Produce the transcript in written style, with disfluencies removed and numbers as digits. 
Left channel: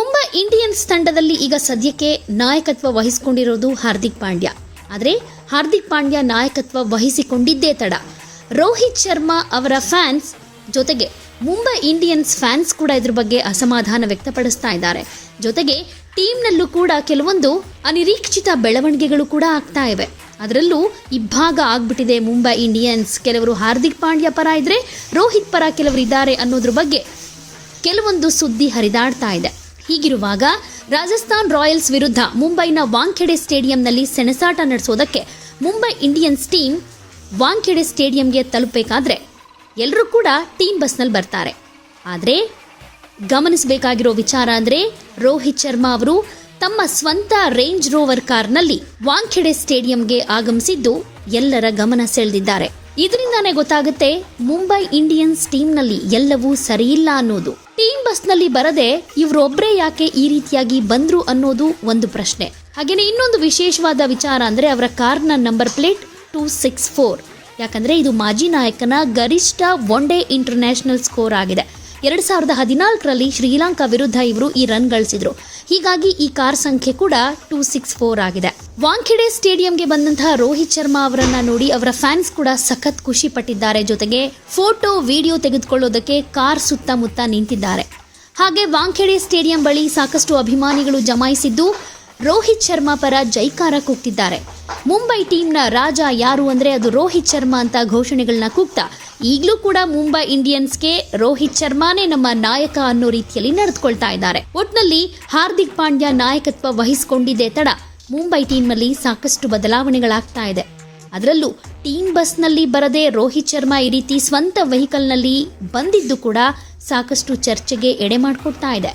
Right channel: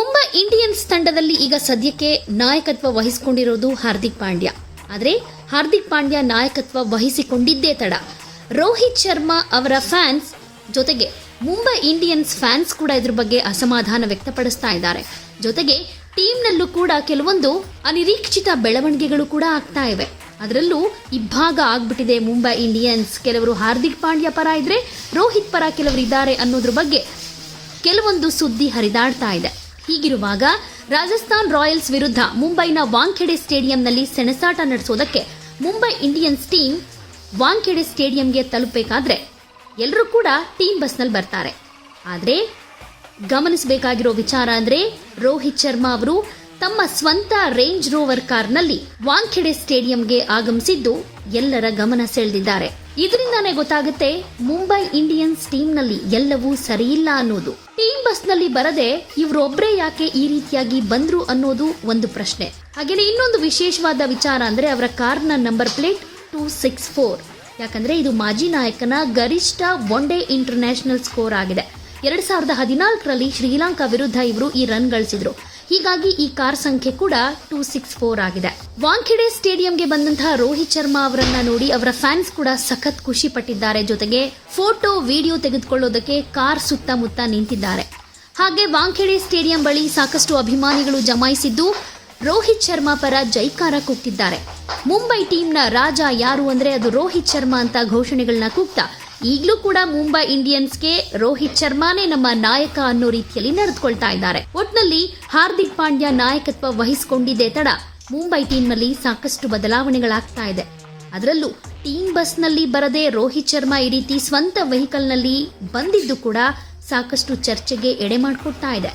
Mumbai Indians ತಂಡದಲ್ಲಿ ಈಗ ಸದ್ಯಕ್ಕೆ ನಾಯಕತ್ವ ವಹಿಸಿಕೊಂಡಿರೋದು ಹಾರ್ದಿಕ್ ಪಾಂಡ್ಯ. ಆದರೆ ಹಾರ್ದಿಕ್ ಪಾಂಡ್ಯ ನಾಯಕತ್ವ ವಹಿಸಿಕೊಂಡಿದ್ದೇ ತಡ. ರೋಹಿತ್ ಶರ್ಮಾ ಅವರ ಫ್ಯಾನ್ಸ್ ಜೊತೆಗೆ ಮುಂಬೈ ಇಂಡಿಯನ್ಸ್ ಫ್ಯಾನ್ಸ್ ಕೂಡ ಇದ್ರ ಬಗ್ಗೆ ಅಸಮಾಧಾನ ವ್ಯಕ್ತಪಡಿಸ್ತಾ ಇದ್ದಾರೆ. ಜೊತೆಗೆ ಟೀಮ್ನಲ್ಲೂ ಕೂಡ ಕೆಲವೊಂದು ಅನಿರೀಕ್ಷಿತ ಬೆಳವಣಿಗೆಗಳು ಕೂಡ ಆಗ್ತಾ ಇವೆ. ಅದರಲ್ಲೂ ಇಬ್ಬಾಗ ಆಗ್ಬಿಟ್ಟಿದೆ ಮುಂಬೈ ಇಂಡಿಯನ್ಸ್. ಕೆಲವರು ಹಾರ್ದಿಕ್ ಪಾಂಡ್ಯ ಪರ ಇದ್ರೆ ರೋಹಿತ್ ಪರ ಕೆಲವರು ಇದ್ದಾರೆ ಅನ್ನೋದ್ರ ಬಗ್ಗೆ ಕೆಲವೊಂದು ಸುದ್ದಿ ಹರಿದಾಡ್ತಾ ಇದೆ. ಹೀಗಿರುವಾಗ ರಾಜಸ್ಥಾನ್ ರಾಯಲ್ಸ್ ವಿರುದ್ಧ ಮುಂಬೈನ ವಾಂಖೆಡೆ ಸ್ಟೇಡಿಯಂನಲ್ಲಿ ಸೆಣಸಾಟ ನಡೆಸೋದಕ್ಕೆ ಮುಂಬೈ ಇಂಡಿಯನ್ಸ್ ಟೀಮ್ ವಾಂಖೆಡೆ ಸ್ಟೇಡಿಯಂಗೆ ತಲುಪಬೇಕಾದ್ರೆ ಎಲ್ಲರೂ ಕೂಡ ಟೀಮ್ ಬಸ್ನಲ್ಲಿ ಬರ್ತಾರೆ. ಆದರೆ ಗಮನಿಸಬೇಕಾಗಿರೋ ವಿಚಾರ ಅಂದ್ರೆ ರೋಹಿತ್ ಶರ್ಮಾ ಅವರು ತಮ್ಮ ಸ್ವಂತ ರೇಂಜ್ ರೋವರ್ ಕಾರ್ನಲ್ಲಿ ವಾಂಖೆಡೆ ಸ್ಟೇಡಿಯಂಗೆ ಆಗಮಿಸಿದ್ದು ಎಲ್ಲರ ಗಮನ ಸೆಳೆದಿದ್ದಾರೆ. ಇದರಿಂದಾನೇ ಗೊತ್ತಾಗುತ್ತೆ ಮುಂಬೈ ಇಂಡಿಯನ್ಸ್ ಟೀಮ್ನಲ್ಲಿ ಎಲ್ಲವೂ ಸರಿಯಿಲ್ಲ ಅನ್ನೋದು. ಟೀಮ್ ಬಸ್ನಲ್ಲಿ ಬರದೆ ಇವರೊಬ್ಬರೇ ಯಾಕೆ ಈ ರೀತಿಯಾಗಿ ಬಂದ್ರು ಅನ್ನೋದು ಒಂದು ಪ್ರಶ್ನೆ. ಹಾಗೇನೆ ಇನ್ನೊಂದು ವಿಶೇಷವಾದ ವಿಚಾರ ಅಂದ್ರೆ ಅವರ ಕಾರ್ನ ನಂಬರ್ ಪ್ಲೇಟ್ 264. ಯಾಕಂದ್ರೆ ಇದು ಮಾಜಿ ನಾಯಕನ ಗರಿಷ್ಠ ಒನ್ ಡೇ ಇಂಟರ್ನ್ಯಾಷನಲ್ ಸ್ಕೋರ್ ಆಗಿದೆ. 2014ರಲ್ಲಿ ಶ್ರೀಲಂಕಾ ವಿರುದ್ಧ ಇವರು ಈ ರನ್ ಗಳಿಸಿದ್ರು. ಹೀಗಾಗಿ ಈ ಕಾರ್ ಸಂಖ್ಯೆ ಕೂಡ 264 ಆಗಿದೆ. ವಾಂಖೆಡೆ ಸ್ಟೇಡಿಯಂಗೆ ಬಂದಂತಹ ರೋಹಿತ್ ಶರ್ಮಾ ಅವರನ್ನ ನೋಡಿ ಅವರ ಫ್ಯಾನ್ಸ್ ಕೂಡ ಸಖತ್ ಖುಷಿ ಪಟ್ಟಿದ್ದಾರೆ. ಜೊತೆಗೆ ಫೋಟೋ ವಿಡಿಯೋ ತೆಗೆದುಕೊಳ್ಳೋದಕ್ಕೆ ಕಾರ್ ಸುತ್ತಮುತ್ತ ನಿಂತಿದ್ದಾರೆ. ಹಾಗೆ ವಾಂಖೆಡೆ ಸ್ಟೇಡಿಯಂ ಬಳಿ ಸಾಕಷ್ಟು ಅಭಿಮಾನಿಗಳು ಜಮಾಯಿಸಿದ್ದು ರೋಹಿತ್ ಶರ್ಮಾ ಪರ ಜೈಕಾರ ಕೂಗ್ತಿದ್ದಾರೆ. ಮುಂಬೈ ಟೀಮ್ನ ರಾಜ ಯಾರು ಅಂದ್ರೆ ಅದು ರೋಹಿತ್ ಶರ್ಮಾ ಅಂತ ಘೋಷಣೆಗಳನ್ನ ಕೂಗ್ತಾ ಈಗಲೂ ಕೂಡ ಮುಂಬೈ ಇಂಡಿಯನ್ಸ್ಗೆ ರೋಹಿತ್ ಶರ್ಮಾನೇ ನಮ್ಮ ನಾಯಕ ಅನ್ನೋ ರೀತಿಯಲ್ಲಿ ನಡೆದುಕೊಳ್ತಾ ಇದ್ದಾರೆ. ಒಟ್ನಲ್ಲಿ ಹಾರ್ದಿಕ್ ಪಾಂಡ್ಯ ನಾಯಕತ್ವ ವಹಿಸಿಕೊಂಡಿದ್ದೇ ತಡ ಮುಂಬೈ ಟೀಮ್ನಲ್ಲಿ ಸಾಕಷ್ಟು ಬದಲಾವಣೆಗಳಾಗ್ತಾ ಇದೆ. ಅದರಲ್ಲೂ ಟೀಮ್ ಬಸ್ನಲ್ಲಿ ಬರದೆ ರೋಹಿತ್ ಶರ್ಮಾ ಈ ರೀತಿ ಸ್ವಂತ ವೆಹಿಕಲ್ನಲ್ಲಿ ಬಂದಿದ್ದು ಕೂಡ ಸಾಕಷ್ಟು ಚರ್ಚೆಗೆ ಎಡೆ ಮಾಡಿಕೊಡ್ತಾ ಇದೆ.